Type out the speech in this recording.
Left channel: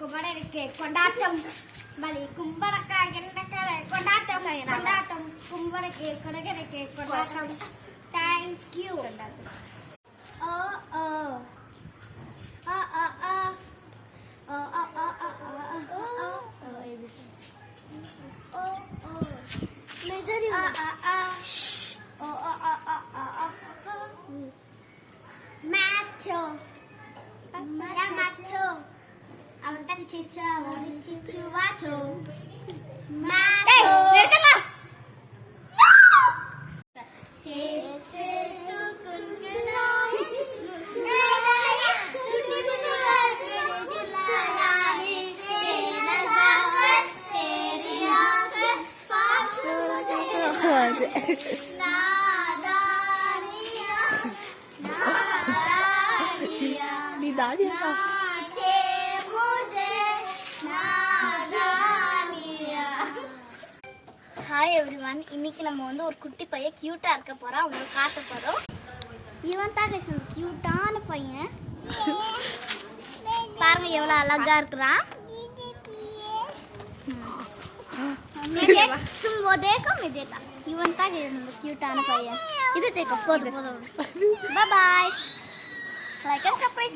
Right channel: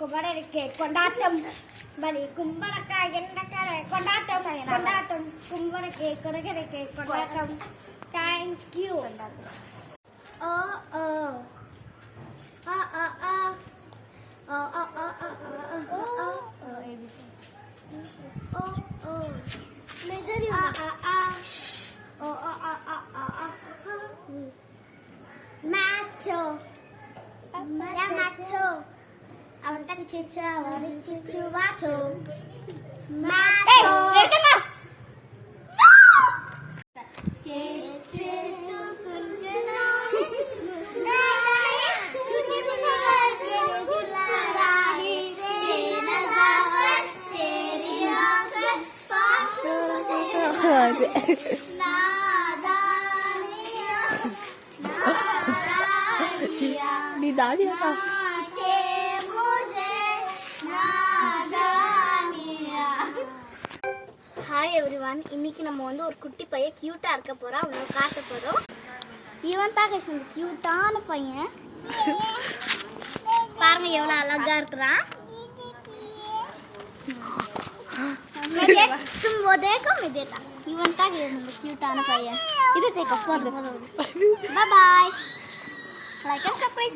குமரனுக்கு கொண்டாட்டம் பலி கும்பரக்காய் எண்ணக்காய் கொண்டாட்டம் கொண்டாட்டம் கும்பரக்கு குரகனுக்கு கொண்டாட்டம் தேங்க்யூ ஓ ஓ ஆ ஆ ஆ ஓ ஓ ஓ ஓ ஓ ஓ மெஜரி ஆ ஆ ஆ ஓ ஓ ஓ ஓ ஓ macho macho அவன் தான் சிச்சு அவன் சிச்சு வாச்சோ macho ஹாய் எவ்ரிவன், இன்னைக்கு நம்ம வந்து ஒரு குட்டி பையன் கியூட்டா இருக்க போறோம். அவனை காட்ட போறோம். இவன் தான் கைஸ் ஒரு கியூட்டான பையன். பாருங்க எவ்வளவு அழகா இருக்கிறான். तुम वो देखो मैं देता इवन तक क्यूट आना पाया इधर देखो बहुत bye bye like and subscribe